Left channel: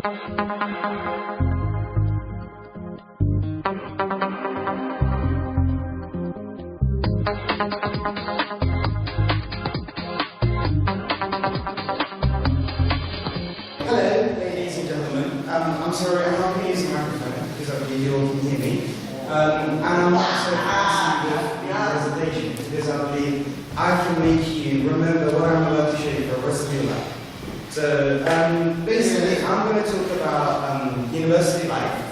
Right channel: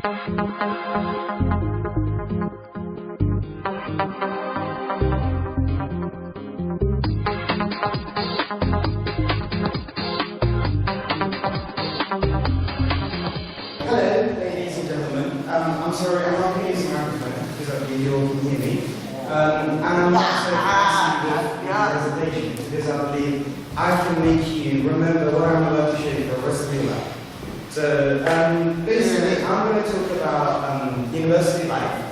ladies and gentlemen. I'm sorry, I'm not going to use the microphone because I believe you all can hear me. And I'm also asking with the presentation because I believe I can make you remember what I'm about to show you for the rest of your life. So basically, I'm going to talk about university life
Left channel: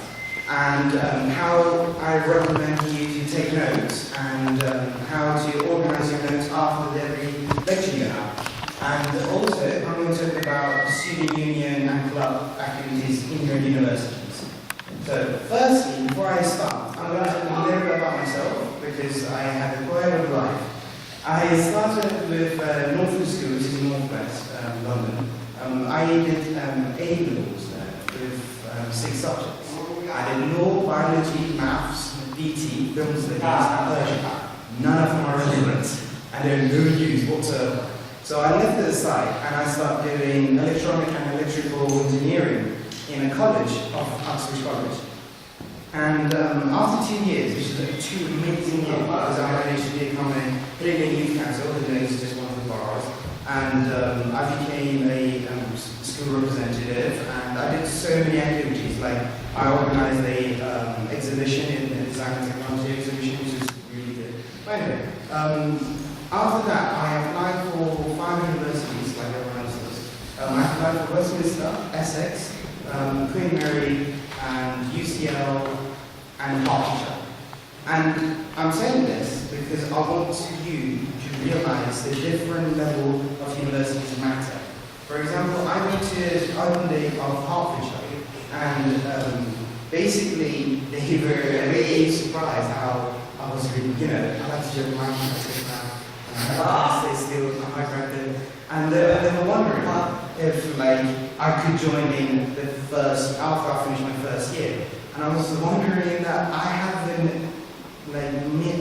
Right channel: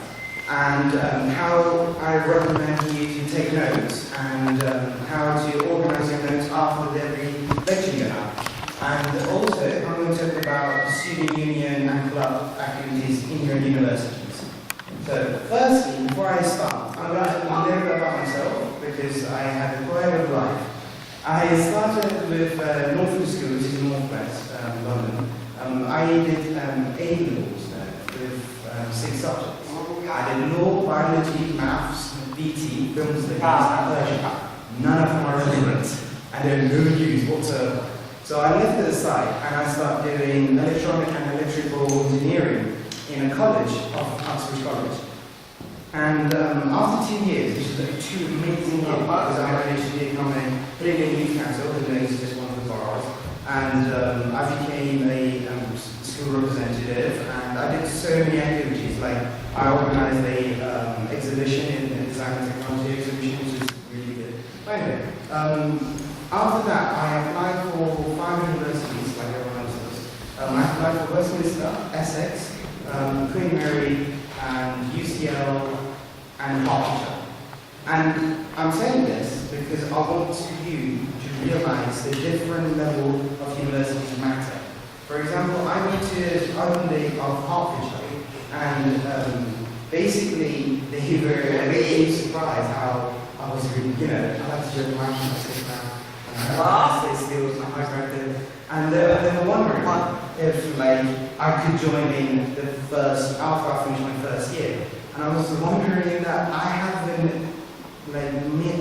and how I recommend you to take notes and how to organize your notes after every lecture you have. And also, I'm going to talk about the student union and club activities in your universities. So, firstly, before I start, I'm going to talk a little bit about myself because I had a quite good life. I started with Uni4U School, which is in Northwest London. I did A-levels with 6 subjects. I did law, biology, maths, BT, film studies, and Persian. None of them are relevant, and they're no use whatsoever. So I left it aside and I started doing electronic and electrical engineering in a college of Oxford College. And after 2 years, which is like 2 amazing years, because I managed to become a Hillingdon Youth Council, the name is just one of the boroughs, and I became a school representative, and I did so many activities, like I organized a exhibition in the design and technology exhibition, which was really good. But anyway, after that, I applied for 5 universities, like everyone else does. I applied for Westminster, Essex, Queen Mary, and UCL, and Hertfordshire. And I'm saying this because I want you to realize the different level of universities matter. For example, I went to Open Day of Hertfordshire, and basically they were really surprised how I was really, I like to joke around, I stay still, I'm hyperactive, and they were wondering if I could join in the first, after I finished my first year. And I was wondering that I haven't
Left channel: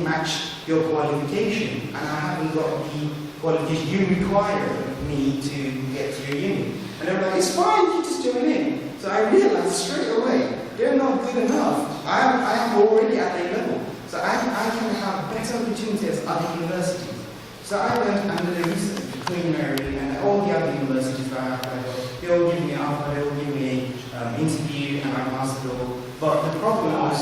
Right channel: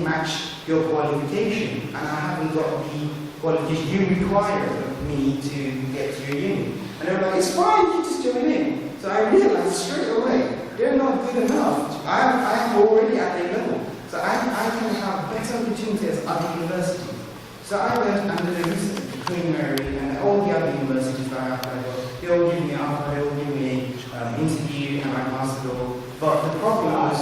matched your qualification, and I haven't got the qualification you require me to get to your uni. And they were like, it's fine, you just join in. So I realized straight away, they're not good enough. I am already at their level. So I can have better opportunities at other universities. So I went and did a research to Queen Mary and all the other universities that I applied for. They all give me an offer, they all give me an interview, and I passed it all. But the problem was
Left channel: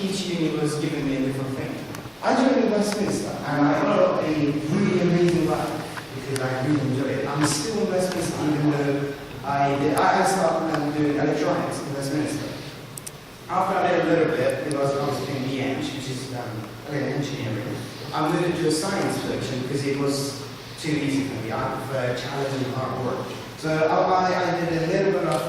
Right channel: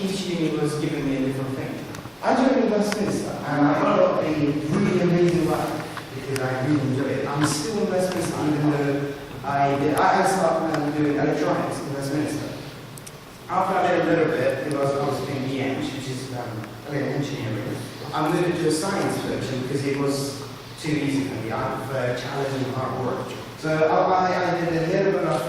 each uni was giving me a different thing. I joined Westminster and I got a really amazing life because I really enjoy it. I'm still in Westminster even though I started doing electronics in Westminster. After I did a little bit, because I was doing BEng, which is engineering, I moved into a science section because it was too easy for me. I prefer challenge and hard work. So I did a little bit of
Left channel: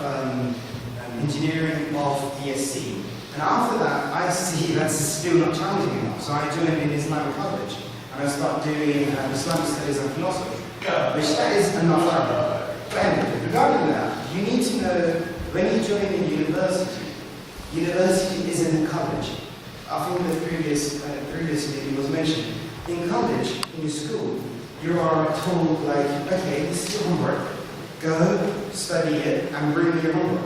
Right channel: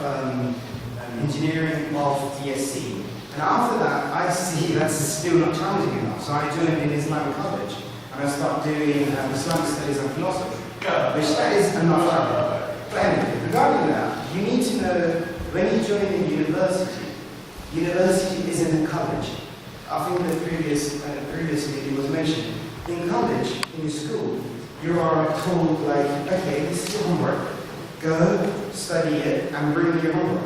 engineering of DSC. And after that, I see that's still not challenging enough. So I joined in Islamic college. And I started doing Islamic studies and philosophy, which that is another. But anyway, regarding that, you need to know when you join a university, university isn't a college. I think that previously it was mentioned. In college, in your school, you are told okay, this is your homework. Go, study it, and bring me your homework.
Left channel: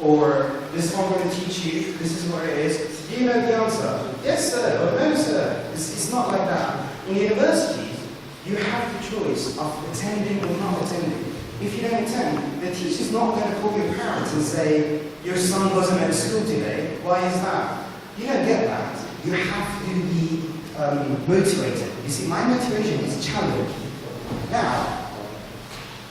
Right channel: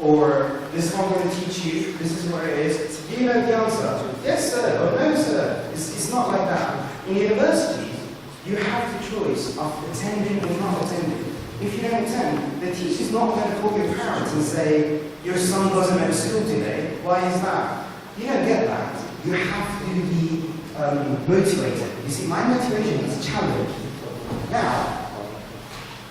Or, this is what I'm going to teach you, this is what it is. Do you know the answer? Yes, sir, or no, sir. It's not like that. In universities, you have the choice of attending or not attending. If you don't attend, the teacher's not going to call your parents and say, your son wasn't at school today. Why is that? You don't get that. You have to be motivated. You see, my motivation is challenge. Now,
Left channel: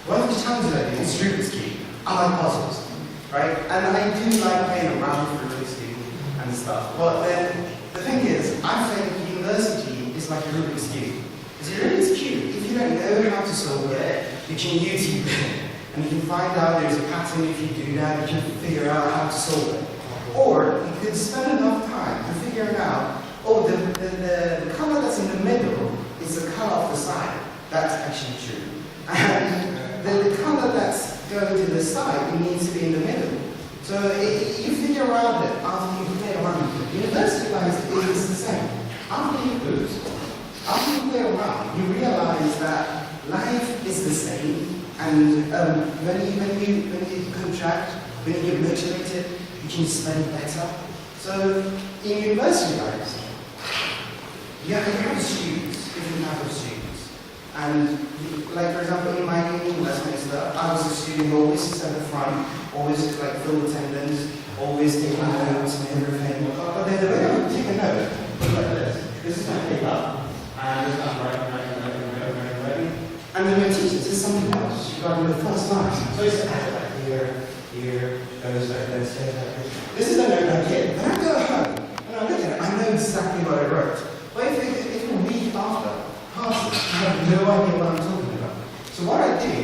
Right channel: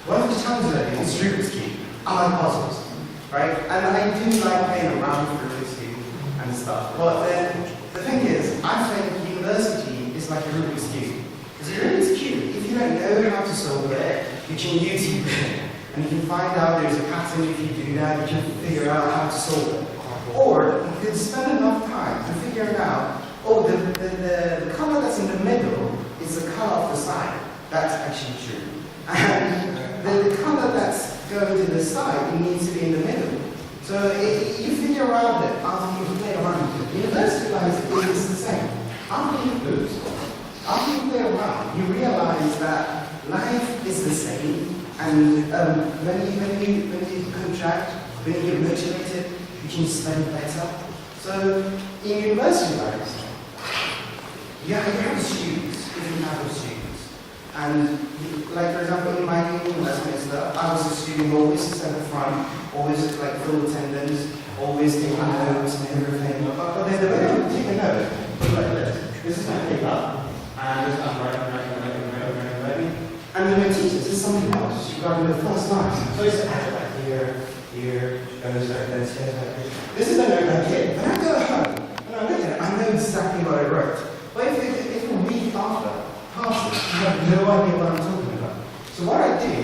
one of the challenges I do is Rubik's Cube. I like puzzles, right? And I do like playing around with Rubik's Cube and stuff. But then, the thing is, I think university is like a Rubik's Cube. Because a Rubik's Cube, if you don't know how to solve it, you can YouTube it. And you can find out there's a pattern if you do that, you can figure out how to solve it. Or you could spend enough time to figure out, the color that's in the middle is the color of the side. That's actually true. And the color that's going to the side, it needs to be in the middle. So you figure out that after you play around, university life is the same. After you play around, you realize that life is the same. And when you contract when you get motivated, you can study better. So in university life, you have students, different type of students. And like for example, in my uni last semester, I was a student who always sits at the front, always like full attendance, always taking notes and everything. But then the way I would take a note was like this. This is my paper, and this is I'm writing. And then my teacher says something else. She got me the first line. So it's like here, goes like this, here, like this. This is the note I get. When I go home and I look at it, I know exactly what I wrote. But if a week after passes, I have no idea what I'm talking about. So what I do,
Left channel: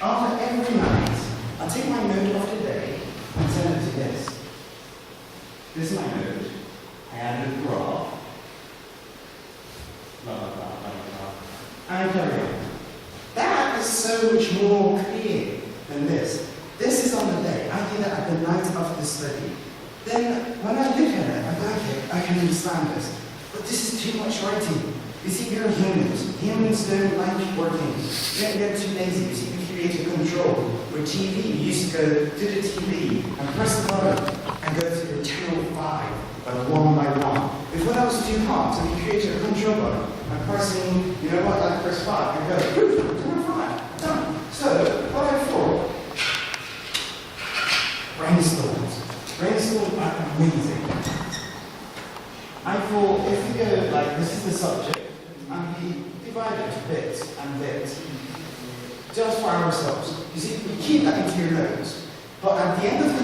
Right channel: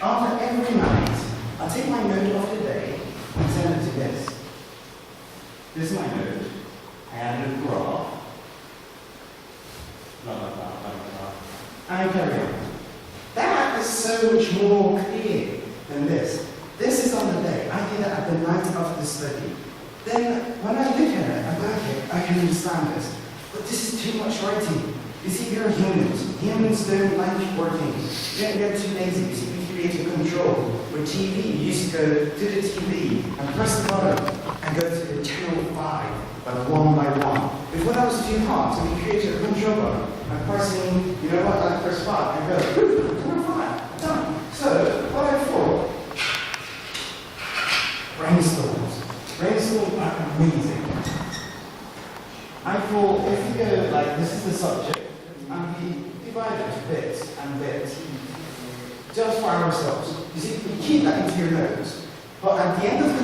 after every night, I take my note of the day and send it to this. This is my note. I add a graph. Blah, blah, blah, blah, blah. And I carry on. That is so much more clear than this. This is on the day. I do that at the night of the study. Then, when I look at it, I go, okay, I can understand this. But this is too much writing. You see, we are humans. Humans don't like working. They're too lazy. You see, we create a control. With TV, you used to go to the TV and press the button and go to the channel 5, but one by one. Before that was too hard, so we created a control button. I'm pressing, you know what, I press 5 and go, channel 5, done. So, what I thought, brainstorms. Brainstorms are amazing. I thought if we go like this is the subject, and we divide it into bits and bits, just for ourselves. You see, we keep that into your notes, but at the end of the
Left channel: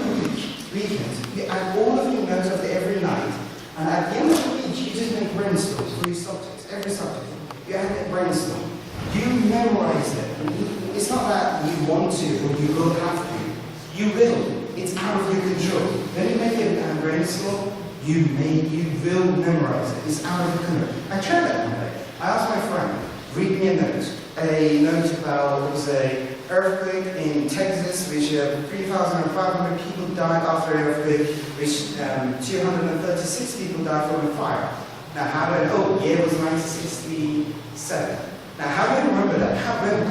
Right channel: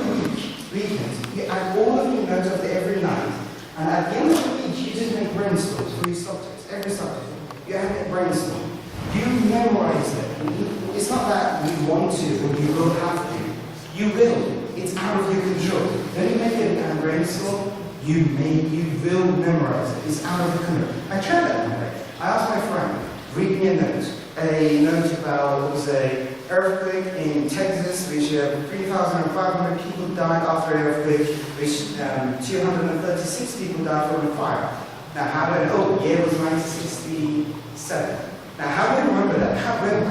weekend, you add all of your notes of every night, and at the end of the week, you just make brainstorms for your subjects, every subject. You have a brainstorm. You memorize it. It's not that you want to or you will have to. You will. It's out of your control. Then you make it a brainstorm. You will memorize it. It's out of your control. I tried that one day. I asked my friend, read me a note about, say, earthquake in Texas, which 3,500 people died after an earthquake, which 236 people died from a fire. Now, how do I know? Oh, year was 1967. Now, how do I remember that?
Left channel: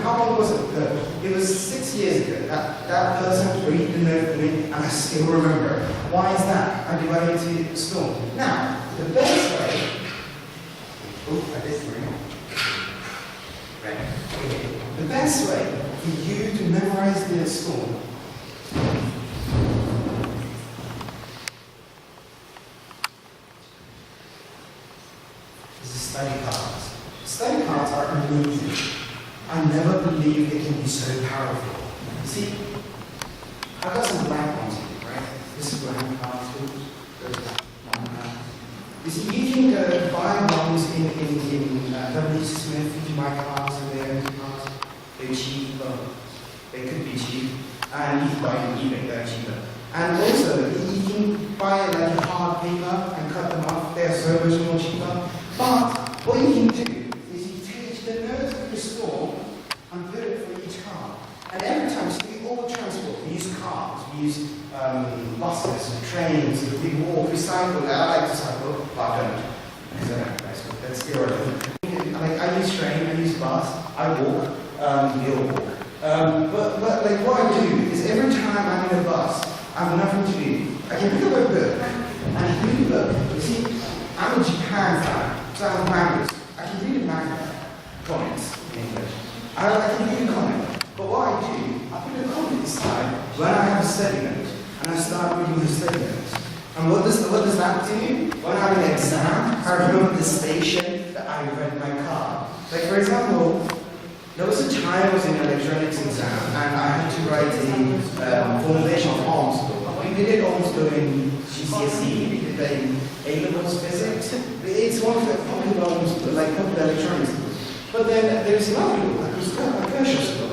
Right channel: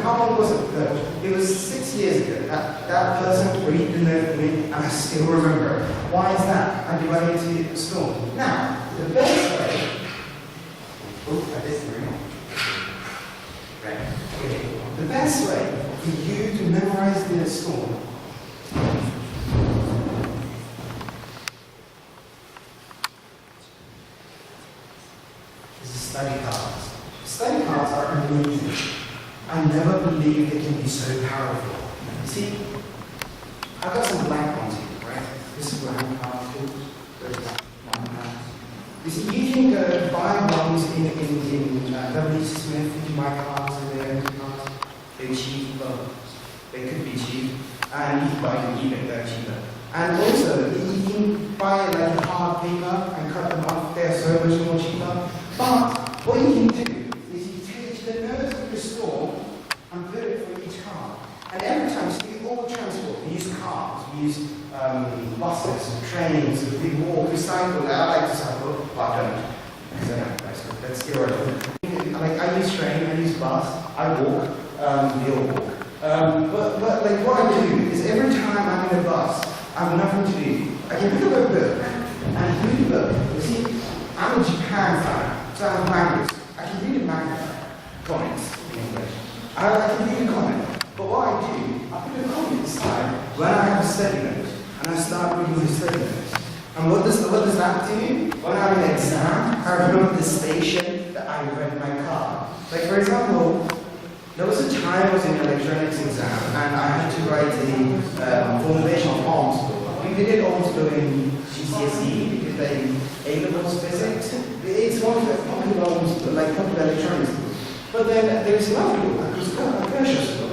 How long was it ago? It was 6 years ago. That person read the note for me, and I still remember it. Why is that? I divided it into the storm. Now, the best way. Oh, I did three. Right. Okay. The best way for you to memorize the storm is the study cards. Study cards are amazing. I never believed they can be so powerful. See, I've got some blank ones here, right? This is blank cards. You see, you can go buy ones in W. Smith. You can buy cards in there. They're cheap, but they could be cheap. And you can buy them eBay, they're cheaper. And also, you can buy like a hard paper and cut them off. They're so much more cheaper. But what you can do is you take the notes of the storm and put it for each card. And every time, so we all transport. We use cars, we use buses, trains, we walk, we cycle. I like to cycle, but I don't. Because I don't have a bicycle. Let's get rid of it. Like, I use train, I use bus, I walk, we all walk. But like what I do is every time I'm in a bus, I have nothing to do. I can pick up a book and read the book. You see, I'm a Japan fan, so I have mangas. I can read a manga, comics in English. I can read a comic. But what I do, I put a comic aside when I have a study note, and I start reading my study notes. And what does that do? When I have an exam, I remember the station that I read my card. Like for example, there was a time I was in an electronics exam, and I had to write a formulation of Ohm's. We did Ohm's in GCSE because they A-levels physics. It's one of the popular Ohm's, like popular electronics. But then there's another law, like Kirchhoff's law.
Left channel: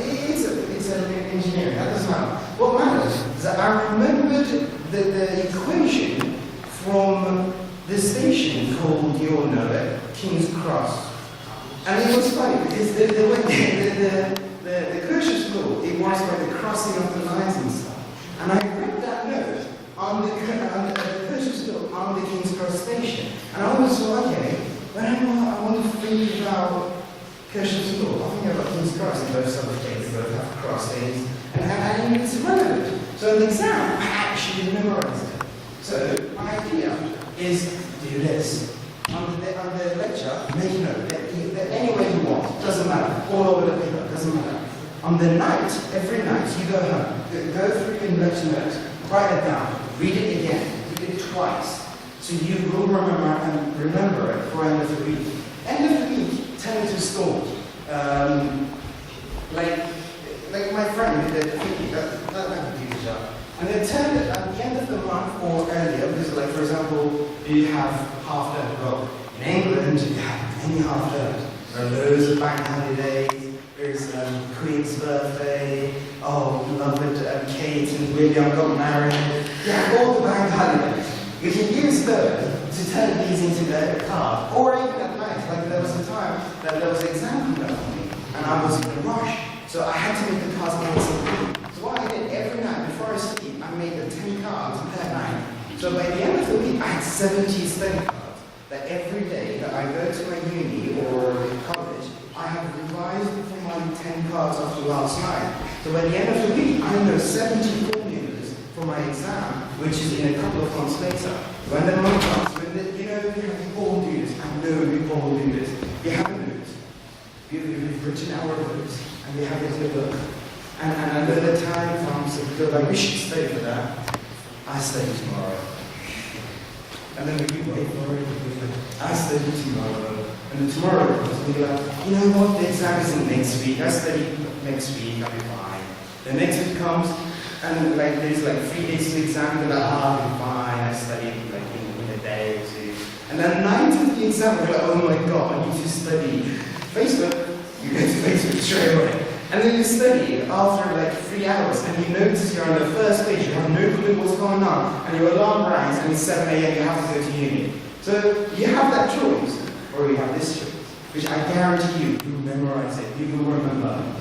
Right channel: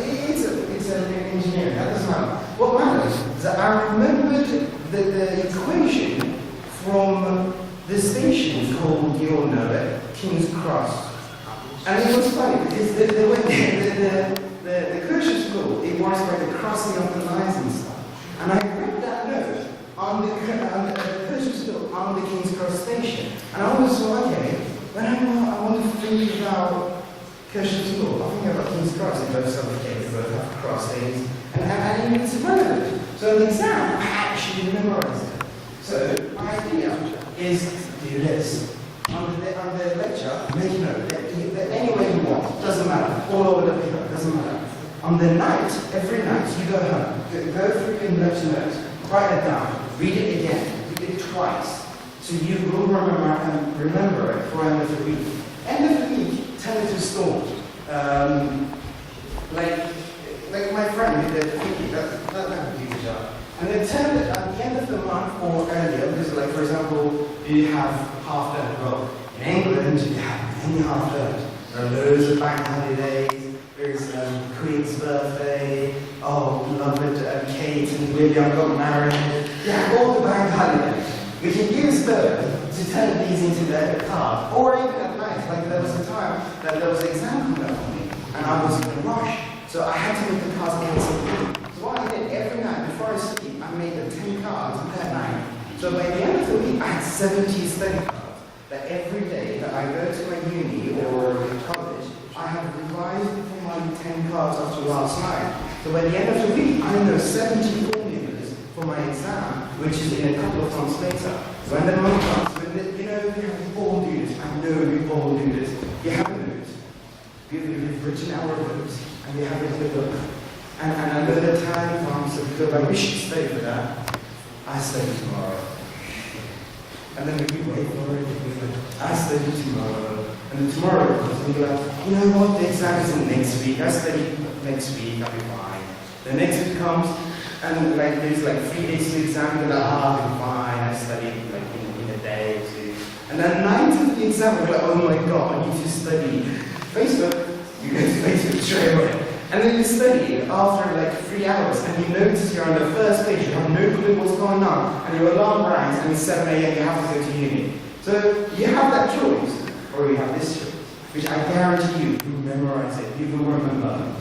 It's an engineering. That doesn't matter. What matters is that I remembered the equation from the station called, you all know it, King's Cross. And it was funny because the Kirchhoff's law, it works by the crossing of the lines and stuff. And I read that note on the Kirchhoff's law on the King's Cross station. And I was so, okay, whenever I want to think about Kirchhoff's law, I think about King's Cross. They both suffocate, they both have cross things. And it's relevant. So in the exam, I actually memorized it. So my idea is do this. On the lecture, make a note. Any way you want, doesn't matter. All over the paper, doesn't matter. On the night, every night, you go home, go through your lecture notes, write it down, read it again, read it twice, so you will remember it for end of the week. End of the week, tell it to store. Like my friend who did the thinking, that would do the job. And then tell it at the end of the month or earlier, because like for example, you have half term. Well, in England, you have many half terms. There are loads of bank holidays. There's Queen's birthday. Oh, beloved Kate and William got married. You have all the bank holidays. You can use those to turn these into their card. Or even at night, like there was a time that there was an exam coming up for me, and I was in a rush. So I had to make the cards ASAP. So what I did every night before I sleep, I made the 10 cards per night. So by the end of the week, I had 70 study cards. That every day that I go to my uni or college, I have revised for my 10 cards after last night. So by the end of the week, I know 70 formulas for my exam, which is in a couple of months later. When the month comes, we all do this. I know we all do this. You have a note. You've written our notes, and we have it in the book. And I know the time comes, so we go like, we should study for that. I study tomorrow. And then we wait for it. I study tomorrow. And then tomorrow comes, and we're like, you know what, the exam is in next week. I study next week, I'll be fine. The next week comes, and like there's like 3 days to the exam, we're like, I'll be fine. I studied like in a day or two. And then 9 to the exam, we're like, oh my god, I need to study. Facebook, you go to Facebook straight away. And then you study after like 3 hours, and you notice you're on the first page, you have no clue what's going on, and your alarm rings, and it's 7 a.m. you have to go to uni. So you have that choice, or you have this choice, which I guarantee you, you memorize it, you will remember.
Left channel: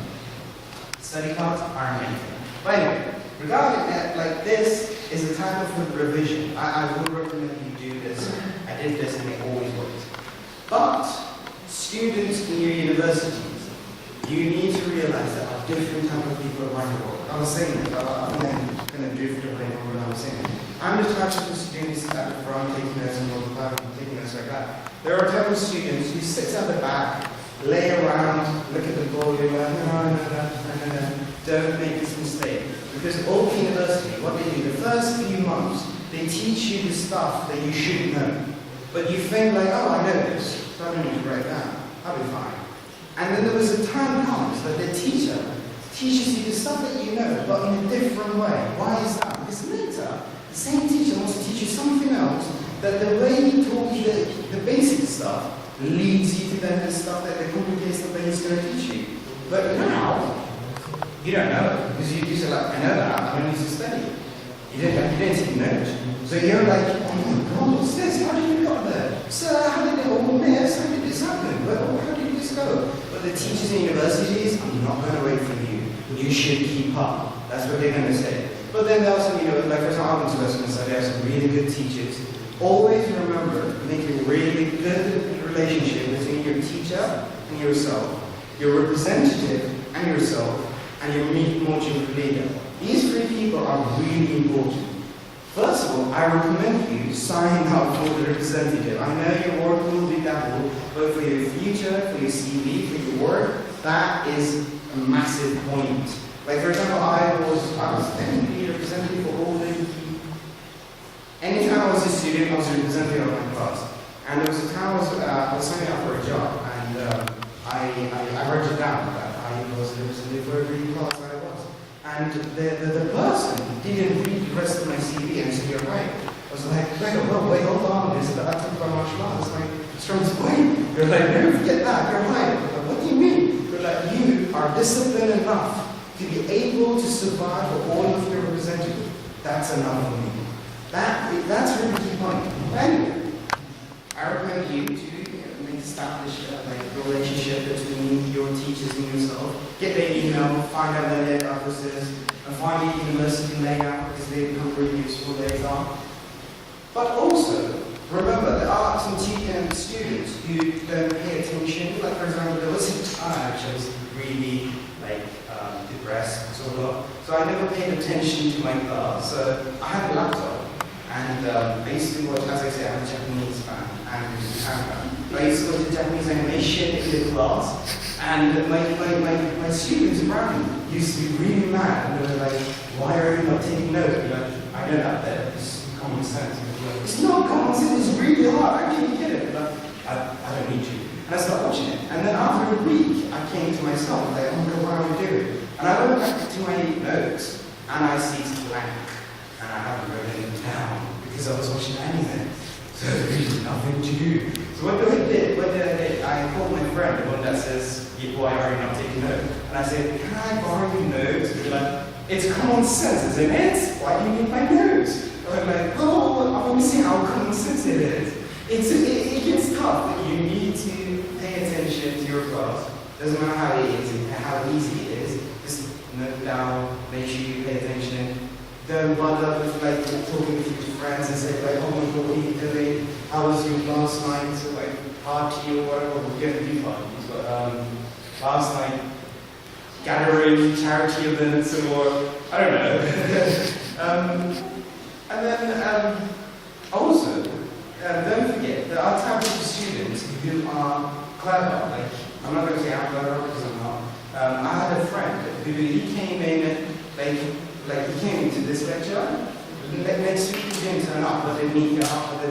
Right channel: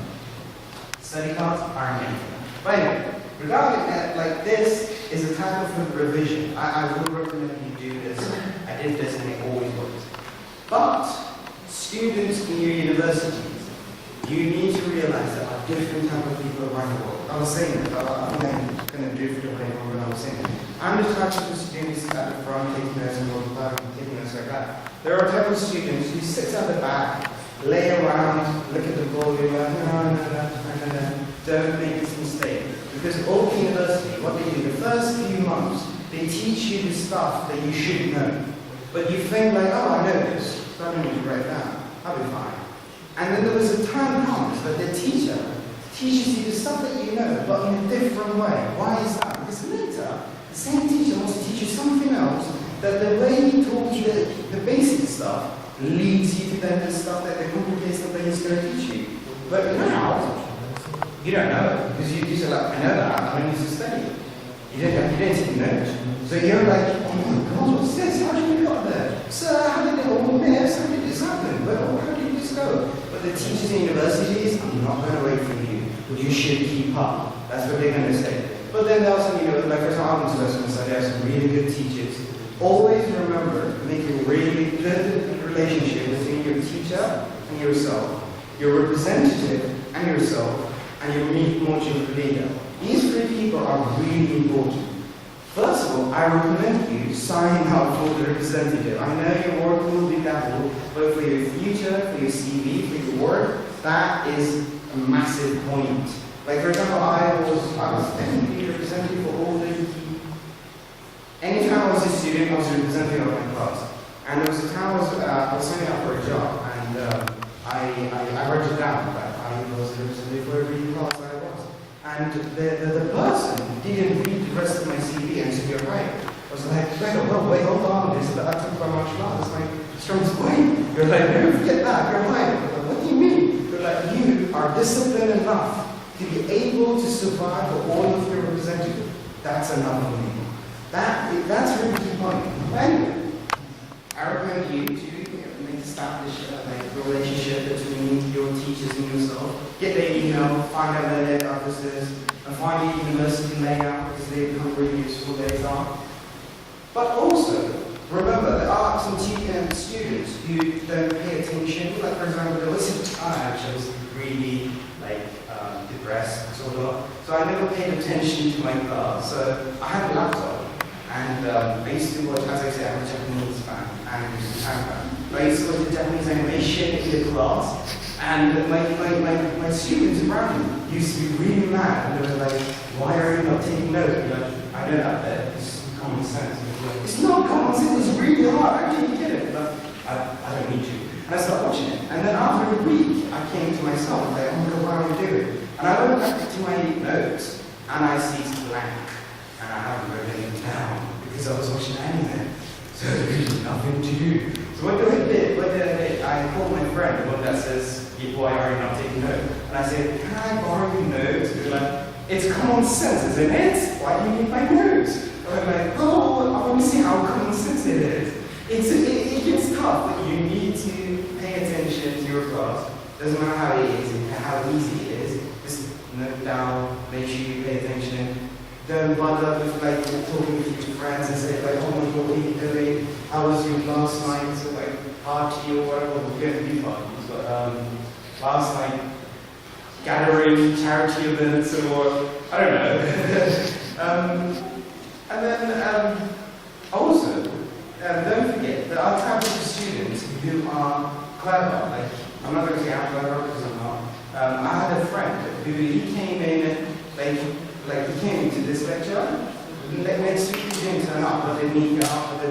Study cards are amazing. But anyway, regarding that, like this is a type of revision. I would recommend you do this. I did this, and it always works. But students in your universities, you need to realize there are different type of people around the world. I was saying that, I think I'm going to drift away from what I was saying. I'm the type of students at the front taking notes and multiplying and taking notes like that. There are type of students who sit at the back, lay around, look at the board, and go, no, don't make this mistake. Because Oak University, what they do, the first few months, they teach you the stuff that you should know. But you think like, oh, I know this, so I don't need to write it down. I'll be fine. And then there was a time comes that the teacher teaches you the stuff that you know, but in a different way. Why is that? Because later, the same teacher wants to teach you something else, that the way he taught you the basic stuff leads you to then the stuff that the complicated stuff that he's going to teach you. But now, you don't know, because you say like, I know that, I don't need to study it. You didn't take note. So you're like, oh my god, what's this? How did you got there? Sir, how did it all miss? How did this happen? Well, how did this go? But the teachers in universities, I'm not going to wait for you. You should keep up. That's what they're going to say. But then they also, like for example, I went to Western, so there are some really good teachers. Always remember, make a really good relationship between your teacher and yourself, your representative and yourself, and your module leader. These 3 people are really important. First of all, I recommend you sign up for the representative. I know your work will be doubled, but for your future, for your CV, for your work, that is a massive point. Like for example, I was technically representative for all the anytime I was a student, I was representative of my class. And there was a time I was signing up for a job, and I wrote it down that I was a representative for every class that I was. And the person didn't read the rest of my CV and said, you're right. I was like, wait, hold on. They said that I took by martial arts. Like, strongest point. You're like, no, forget that. You're right. Like, what do you mean? You're like, you are disciplined enough to be able to survive for all of your representatives. That's enough for me. That's really key point. Anyway, I recommend you to establish a relationship between your teachers and yourself. Get their email, find out where their office is, and find your university layout because they become really useful later. But also, remember, there are some students who don't pay attention. Like for example, there was a time I was really depressed, sort of. So I never paid attention to my class. So I had a laptop, and I used to watch, as I said, I'm a Japanese fan, and I used to watch the Japanese animation in the class, and my students around me used to be really mad, and they were like, why are you not taking notes? Like, I know that bit, it's common sense. Like, it's not common sense, it's really hard, I can't get it, but I don't need you. And I started watching it, and then after a week, I came to myself, like, oh my god, what am I doing? And I went back to my notes, and I see it's blank, and I haven't written it down, because I was watching anime. So there's nothing to do. So what did I called my friend, the one that says, why are you not taking notes? And I said, can I borrow your notes? And they're like, it's common sense, isn't it? Why do you need my notes? And I'm like, oh, I want to see how common sense it is. It gets tough, but you need to pay attention to your class. Doesn't matter how it is and how easy it is. Just note down, make sure you pay attention. Don't bother with like talking with your friends and say like, oh my god, what are you doing? How was your last night? So like party or whatever, we're going to do parties. But last night, gathering, charity events or I don't know. And then also, don't forget there are types of students who are clever. Like I'm not going to say I'm clever because I'm not. I had a friend who he came in like he came to this lecture. Next week he didn't turn up, but the week after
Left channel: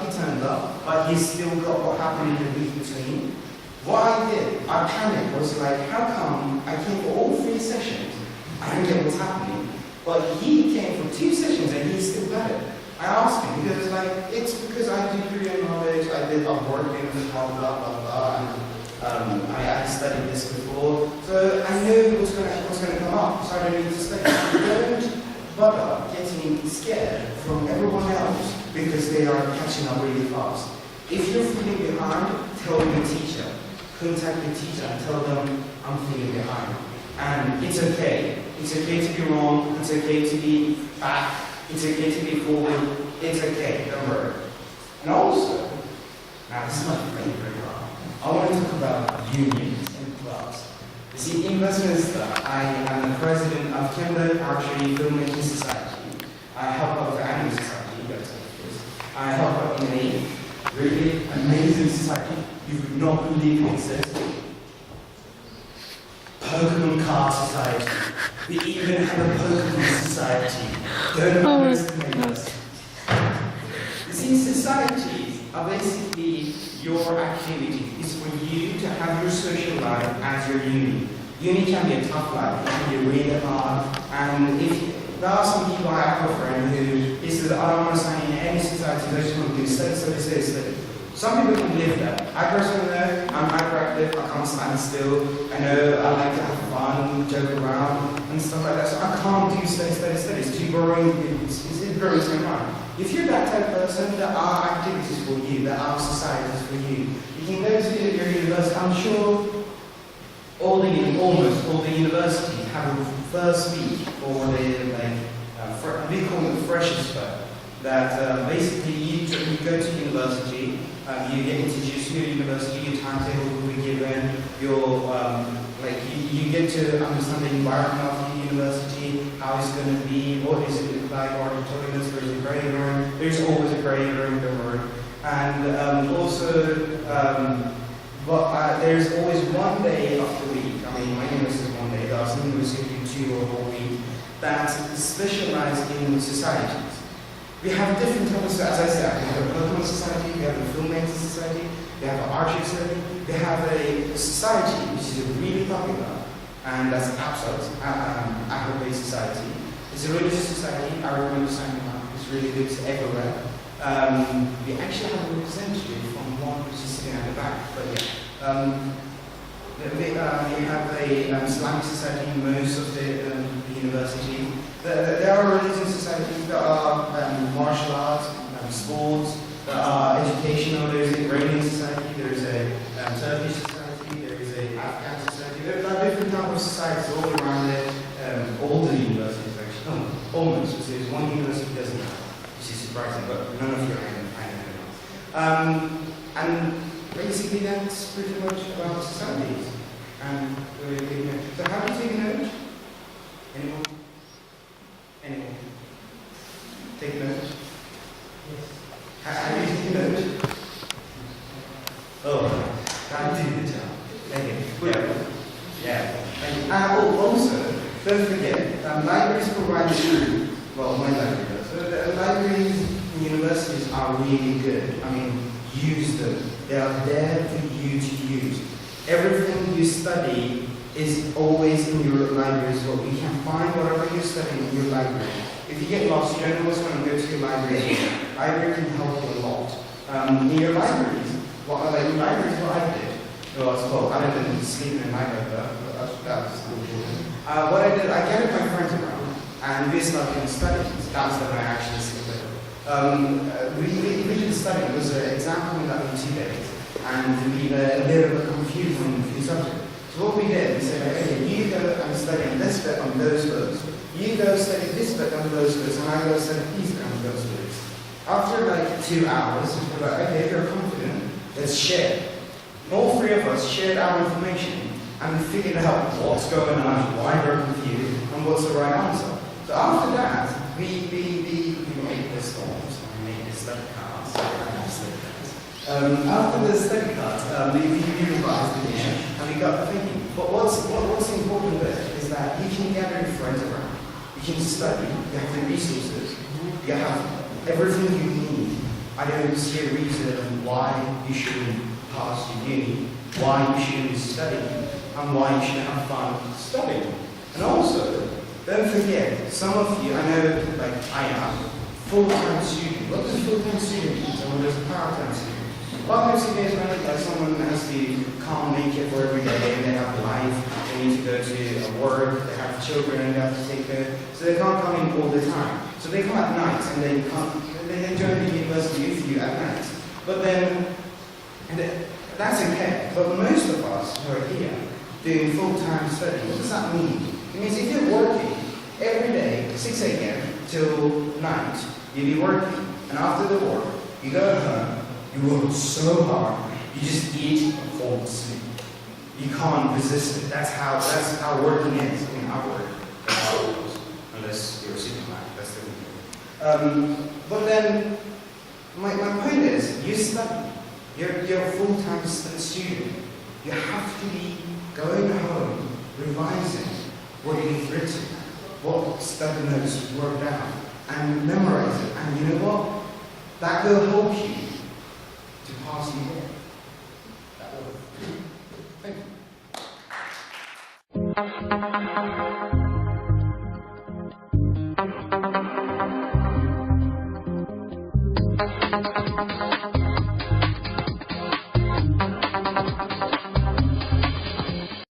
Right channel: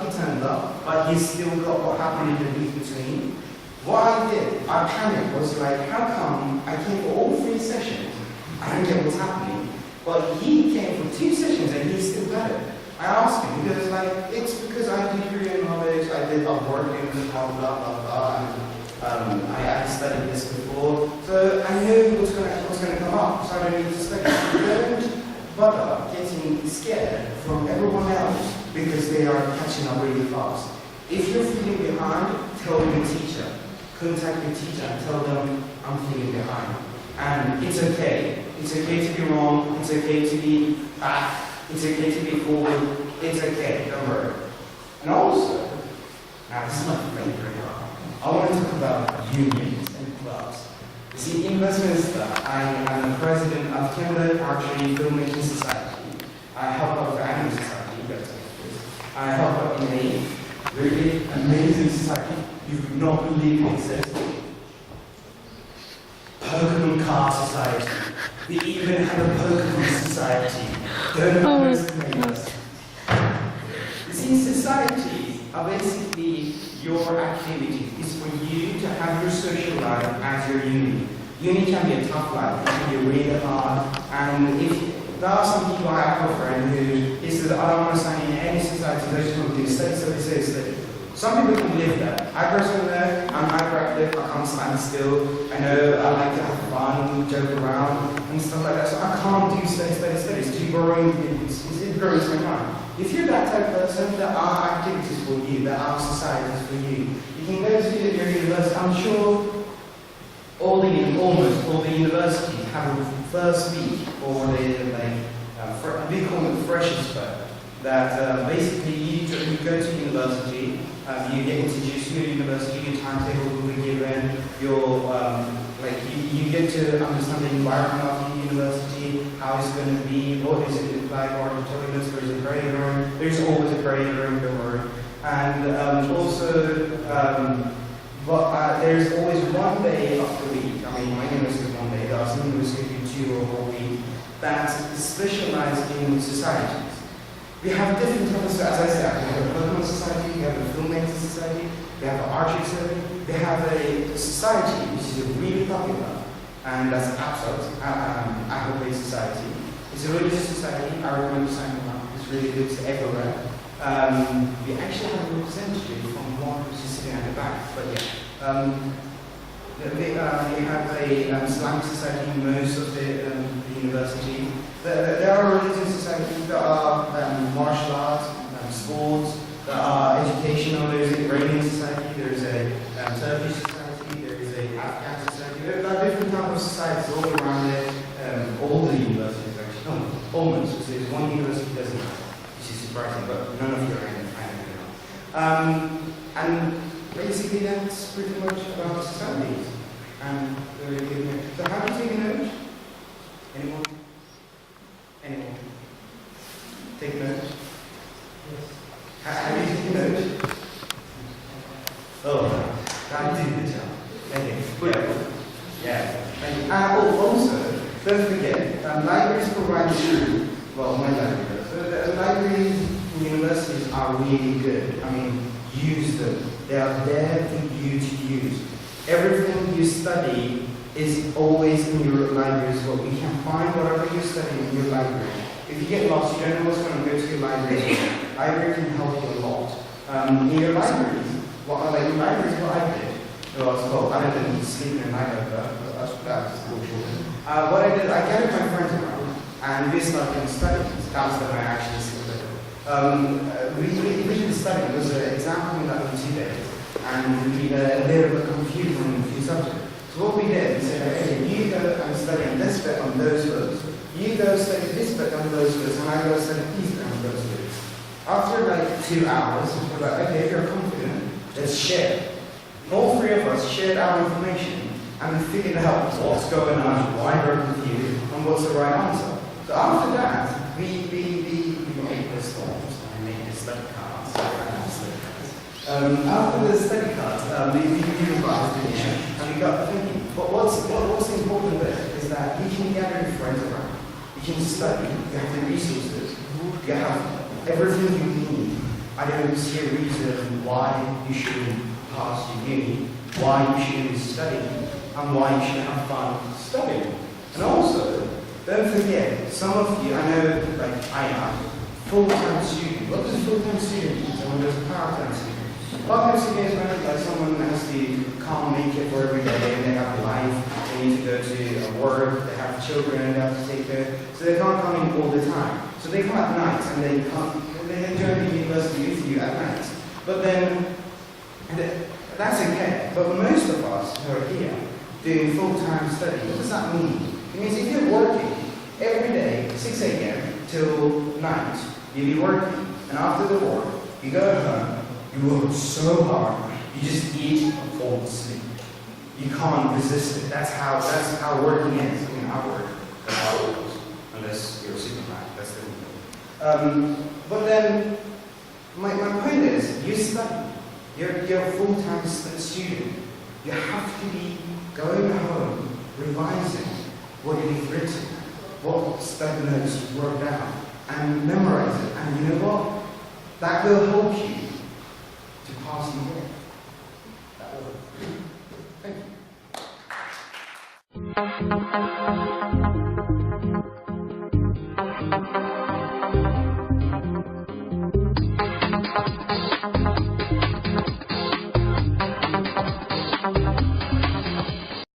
he turned up, but he still got what happened in the week between. What I did, I panicked, was like, how come I came for all 3 sessions? I don't get what's happening. But he came for 2 sessions and he still got it. I asked him, because like, it's because I do Korean knowledge, I've worked in blah, blah, blah, blah, and I studied this before, so I know what's going to come up, so I don't need to study. Don't bother getting scared from everyone else because they are catching up really fast. If you're feeling behind, tell your teacher. Contact your teacher and tell them, I'm feeling behind. And it's okay. It's okay to be wrong. It's okay to be back. It's okay to be forward. It's okay. Don't worry. And also, now this is my favorite part. I want to talk about unions and clubs. You see, in Westminster, I am the president of Canada Archery Filmmaking Society. I help out with the Anime Society. I help out in a really amazing society. You would not believe it exists. Pokemon Card Society. We even have a Pokemon Society. Don't underestimate us. You see, societies are basically your activity. It's for you to have your social life as your uni. Uni can be a tough life. It can be really hard. And if there are some people, I have a friend who says, I don't want to sign in any society. I just want to do study. Some people can live that. I personally know, I'm hyperactive, I can't stand still. I know I like to have fun, joke around, and stuff like that. So I can't do study. It's too boring, it grows my mind. If you're that type of person, there are activities for you, there are societies for you. You can go to your university. I'm sure almost all the universities have a first week, or we call it freshers fair. That basically you go to university, you get introduced to your university, your timetable will be given, you get to understand the environment of the university, how it's going to be, what is it like, auditoriums, there's a parade room, there's always a parade room, don't worry. And also, there's always one day of the week, I mean my university is one day, there are some universities do 2 or 4 weeks, that specialize in societies. We have different types of, as I said, we have a Pokemon Society, we have a Filmmaking Society, we have an Archery Society, we have a society which is really popular, and that's Apple-based society. It's a religious society, I recommend signing up, it's really good, it's everywhere. We actually have a representative from one which is sitting at the back, but yeah. We have a Islamic society in most of the university. There are religious societies, there are martial arts, sports, there are educational, there is a Iranian society, there is a Turkish society, there is a Afghan society. There are different types of societies all around it, all the universities actually. No, almost, because there's one university doesn't have, which is surprising, but none of you are in it. And basically that's pretty much about societies. And so how do you take a note? Anyone? Anyone? Take note? Yes. Have you taken note? Oh, that did the job. Thank you. Yeah. Thank you. Also, don't forget, libraries provide you, well, my library does. The libraries and universities are really good. I mean, use them. They are there for you to use. Everything you study is always in your library as well. You can find whatever you're studying in your library. If you get lost, you don't know what's going to go to your library. Library can help you a lot. In your libraries, what I did, well, I didn't sleep in a night like that, but that's still important. What I did, I gathered my friends around, and we started studying. That's when I actually sleep better. We did study. It was an exam coming up in 2 days, and we had a bit of a confusion on a few subjects. So what we did, we said, okay, you go and study on this bit on those books, you go study this bit on those books, and I go study these bit on those books. After like 2 hours, we were like, okay, if you're confident, let's share. All 3 of us shared our information and we figured out what's going on, why we're confused, and what's the right answer. So after that, we made this forms, I made this study cards. After the study cards, we revised it again, and we got thinking. But what's important there is that you can gather your friends around, you can study, you have the resources, you have everything you need. I don't see a reason why you shouldn't pass your uni, why you shouldn't study, and why you should have fun studying. And also, don't forget, some of you, I know, like I am, full-time student. What does full-time student mean? Someone does a part-time student. Part-time student is when like someone can't make it for every day, and they have a life, they need to go to work, they have children they have to take care, so they can't come in all the time. So they come at night, and they join the university with you at night. But then, that's okay. But most of us who are here doing full-time study, what does that mean? It means if you're working every day, 6 a.m. till night, you'll be working. And after the work, you go home, you work so hard, you just eat and fall asleep. You can't resist it. That's how working is. I mean, I work. That's how it goes. Unless you're a Superman, that's the thing. But then, my point is, you study. You're a full-time student. You have to be going home, revising what you've written, what study notes you've worked out, and memorize it. And you know what? That will help you to pass the year.